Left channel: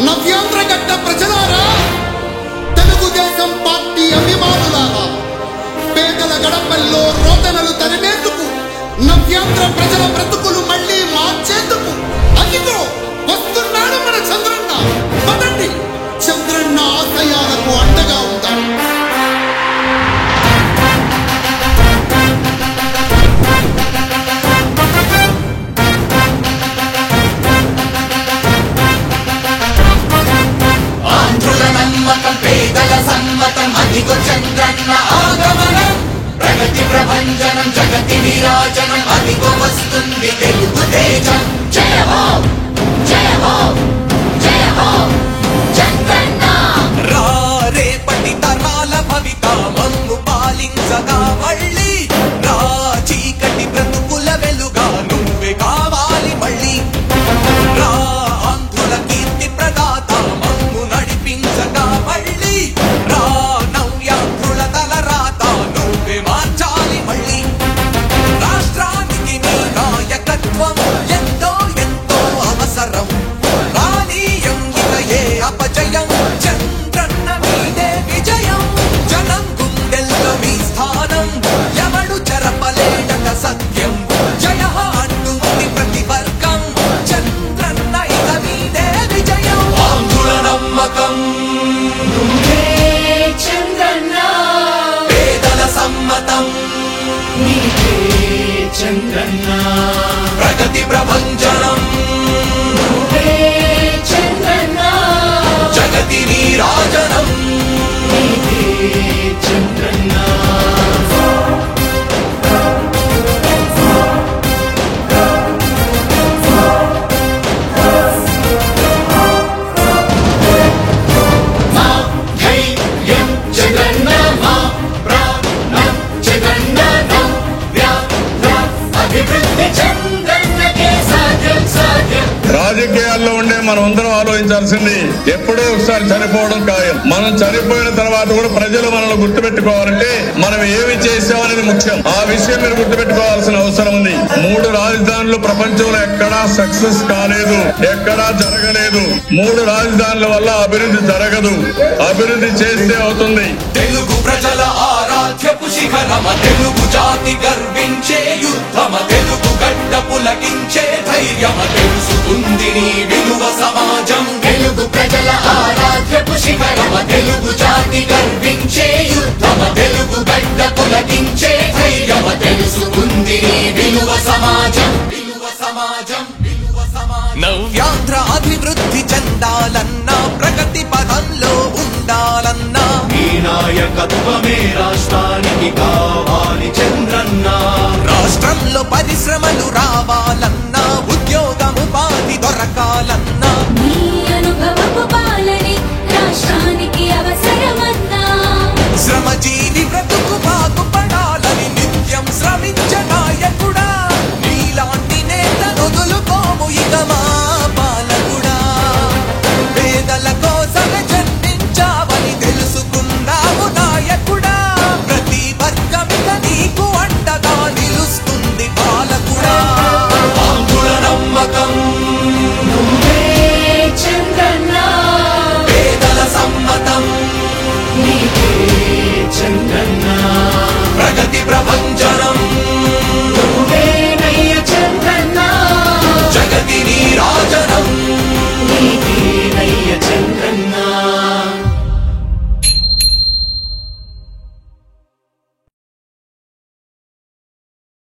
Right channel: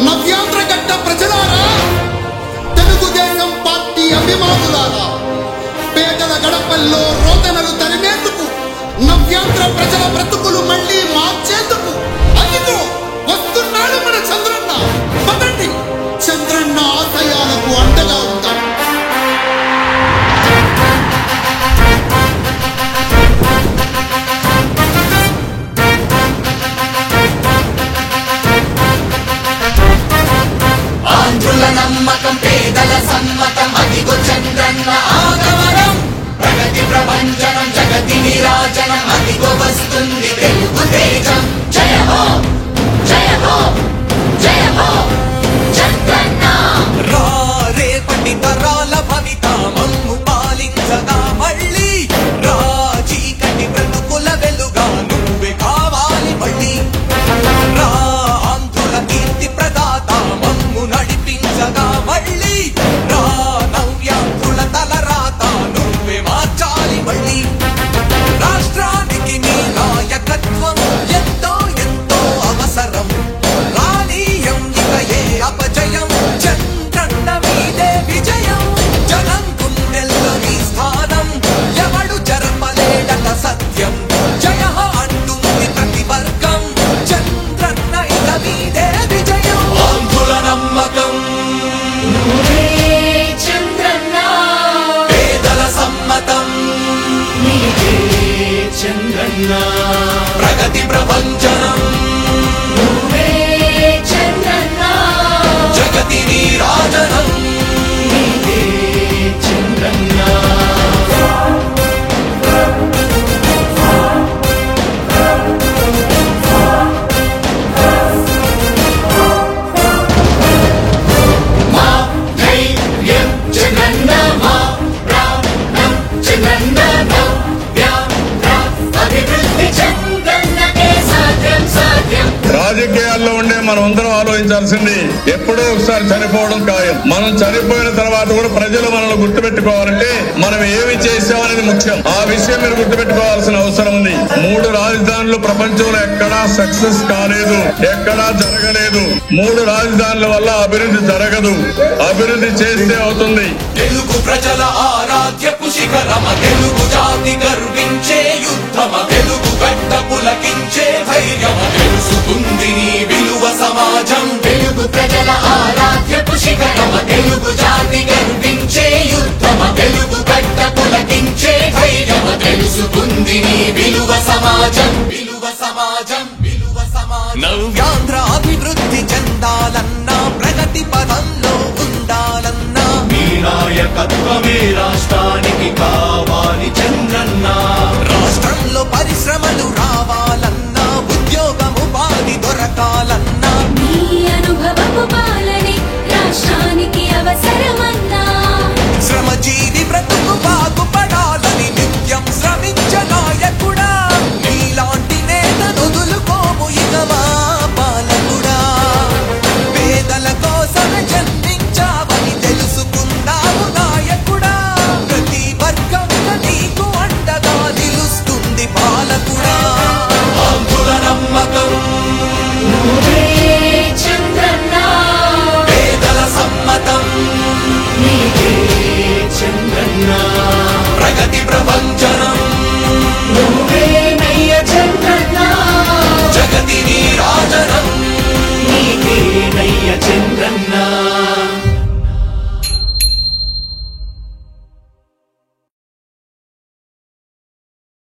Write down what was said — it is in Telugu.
నవ్యాంధ్ర గడ్డ ప్రజలారా, తెలుగుదేశం పార్టీ అభిమానులారా, పేదల గడపల్లో రోదనలు తరిమేందుకు, నవ్యాంధ్ర ప్రజల బ్రతుకులు మళ్లీ మార్చేందుకు అదిగో వస్తున్నాడు మన చంద్రన్న. పదండి, చంద్రన్న ఆశయాలకు అండగా ఉందాం. ఆంధ్రుల నమ్మకం, పేదల సమ్మతం, అదిగో చంద్రన్న ఆగమనం. ప్రగతి ప్రభంజనం, జగతి నీరాజనం, అదిగో వస్తుంది తెలుగు తేజం. జయ హో, జయ హో, జయ హో చంద్రన్న. రా రేపటి తరాల భవిత మమ్ము పాలించగా మళ్ళీ, రా చీకటి బ్రతుకుల వెలుగా నువ్వే కావాలి మళ్ళీ. రా ఆంధ్రుల కీర్తి ప్రదాత మమ్ము నడిపించగా మళ్ళీ, రా నవ్యాంధ్రుల తలరాత నువ్వే మార్చాలి మళ్ళీ. రాష్ట్రానికి నీ నాయకత్వం ఎంతో ఎంతో అవసరం. రానీయం ఇక ఏ అపజయం, చంద్రన్న మీదే విజయం. జనం గుండెల్లో మీ స్థానం, ఎవడు జరపలేడట సత్యం. జయ అంటుంది ప్రతి వర్గం, చంద్రన్న ఇక మీదే విజయం. ఆంధ్రుల నమ్మకం చంద్రన్న, పేదల సమ్మతం చంద్రన్న, ప్రగతి ప్రభంజనం చంద్రన్న, జగతి నీరాజనం చంద్రన్న. మా ధైర్యం చంద్రన్న, మా ప్రాణం చంద్రన్న, అభివృద్ధి చంద్రన్నకే సాధ్యం సాధ్యం. రాజకీయాల్లో ఉండే మనం అందరం ఆలోచించాల్సింది, ఎప్పుడో ఒకసారి చనిపోవడం ఖాయం. మనం చనిపోయిన తర్వాత కూడా ప్రజలు మనల్ని గుర్తుపెట్టుకోవాలంటే మనం ఏమి చేసామనేది ముఖ్యం. ఆ విషయం మీరు గుర్తుపెట్టుకోవాల్సిన అవసరం ఉంది. 3 రాజధానులు ప్రపంచంలో ఎక్కడా సక్సెస్ కాలేదు, ఎక్కడా జరగలేదు. 3 రాజధానుల వల్ల అభివృద్ధి జరగదు, అభివృద్ధి చేస్తే అవుతుంది. తెలుగు ప్రజల ఆరాధ్యపు శిఖరమ, తెలుగు జాతి గర్వించే యుద్ధమ, తెలుగు గడ్డ పులకించే ధైర్యమ, తెలుసుకుంది నీ విలువ సమాజం. తెలుగు ప్రజల ఆరాధ్యపు శిఖరమ, తెలుగు జాతి గర్వించే యుద్ధమ, తెలుగు గడ్డ పులకించే ధైర్యమ, తెలుసుకుంది నీ విలువ సమాజం. విలువ సమాజం, విలువ సమాజం. నవ్యాంధ్ర